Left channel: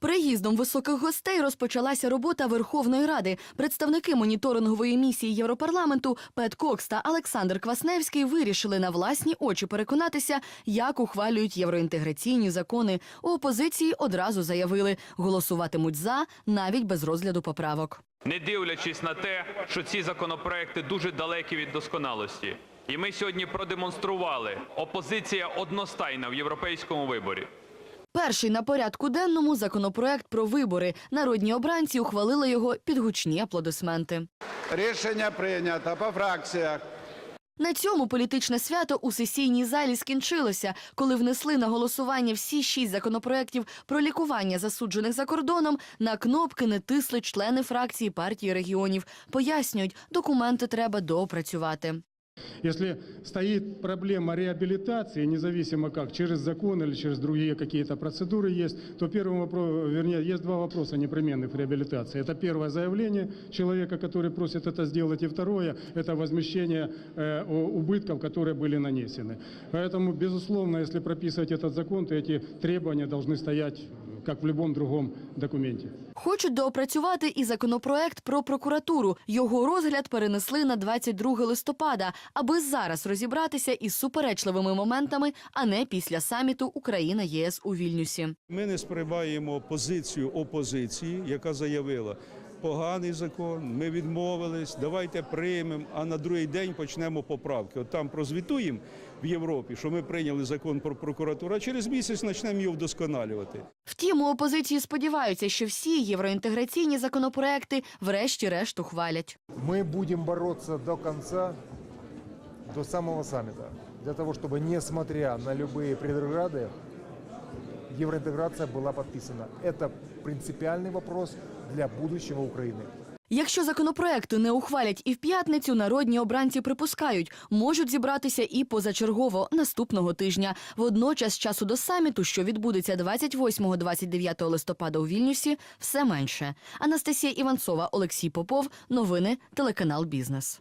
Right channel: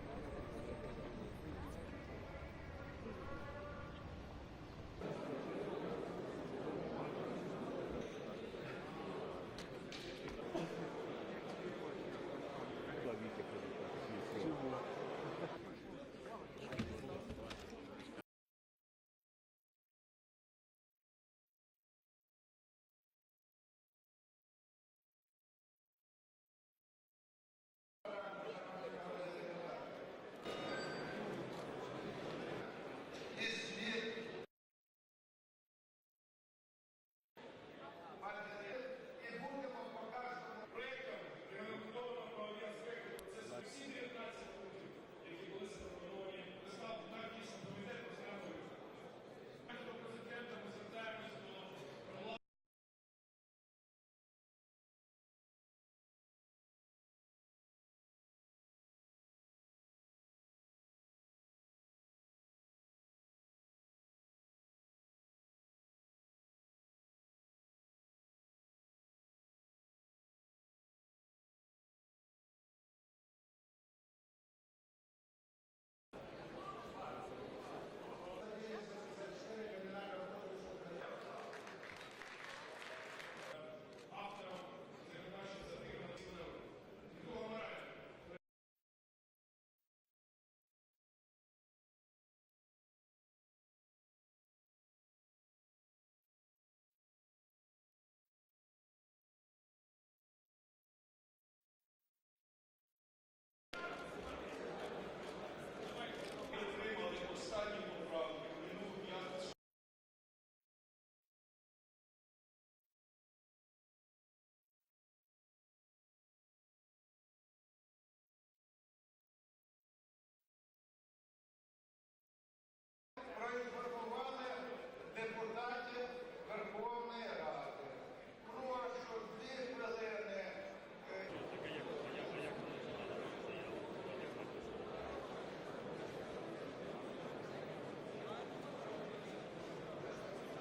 Приїздом високих гостей розпочалася робота Верховної Ради. Представники моніторингової місії Європарламенту Пет Кокс та Олександр Квасневський вирішили на власні очі переконатися, як ухвалюють євроінтеграційні закони. У опозиції одразу заявили, голосуватимуть за навіть без розгляду поправок. не дивлячись на те, що ці законопроекти дуже далекі від досконалості. І ми сьогодні продемонстрували опозиція одностайна в європейському виборі. Перший на порядку денному законопроект про вибори. Народні обранці ухвалили його під гучні аплодисменти. Рішення прийнято по фракціях. На цьому політичне свято у сесійній залі скінчилося, коли внесли на голосування всі шість законопроєктів про лікування засуджених за кордоном. На кнопки не тисли члени фракції партії регіонів. Пояснюють, документи треба доопрацювати. Если стоит проблема реабилитации, независимо как, через закон или через другие какие-то процедуры есть, то первый вопрос, вернее, есть два вопроса непременных реабилитации. Это первое заявление человека, который просит это сделать, и второе – это возмещение э, убытков, которые были нанесены. Поэтому, безусловно, если прописывать этот закон, то эти требования должны стоять, как в любом другом документе. Хочуть доопрацювати і законопроект про прокуратуру. Його розгляд перенесли на 22 листопада, аби зараз розібратися із суперечливими моментами, а не після саміту Україна ЄС у Вільнюсі. Ми не сприймаємо позицію опозиції, яка заявила Поганий закон, ми відмовились, давайте приймемо, а на другий день почнемо поправки. От там прозвітуємо в Європі, що ми прийняли закон про прокуратуру, а через місяць почнемо його вдосконалювати. Втім, у опозиції сподіваються, що всі євроінтеграційні законопроекти врешті-решт ухвалять. Мы будем бороться до конца, до самого саммита, для того, чтобы, несмотря на любые предрограды, евроинтеграция была подписана. Это принципиальный вопрос для будущего Украины. Якщо законопроекти не ухвалять і в п'ятницю, народні обранці припускають, можуть зібратися і позачергово наступного тижня. Водночас часу до саміту, що відбудеться 28-29 листопада у Вільнюсі, все менше. Анастасія Іванцова, Олексій Попов. Новини телеканал Бізнес.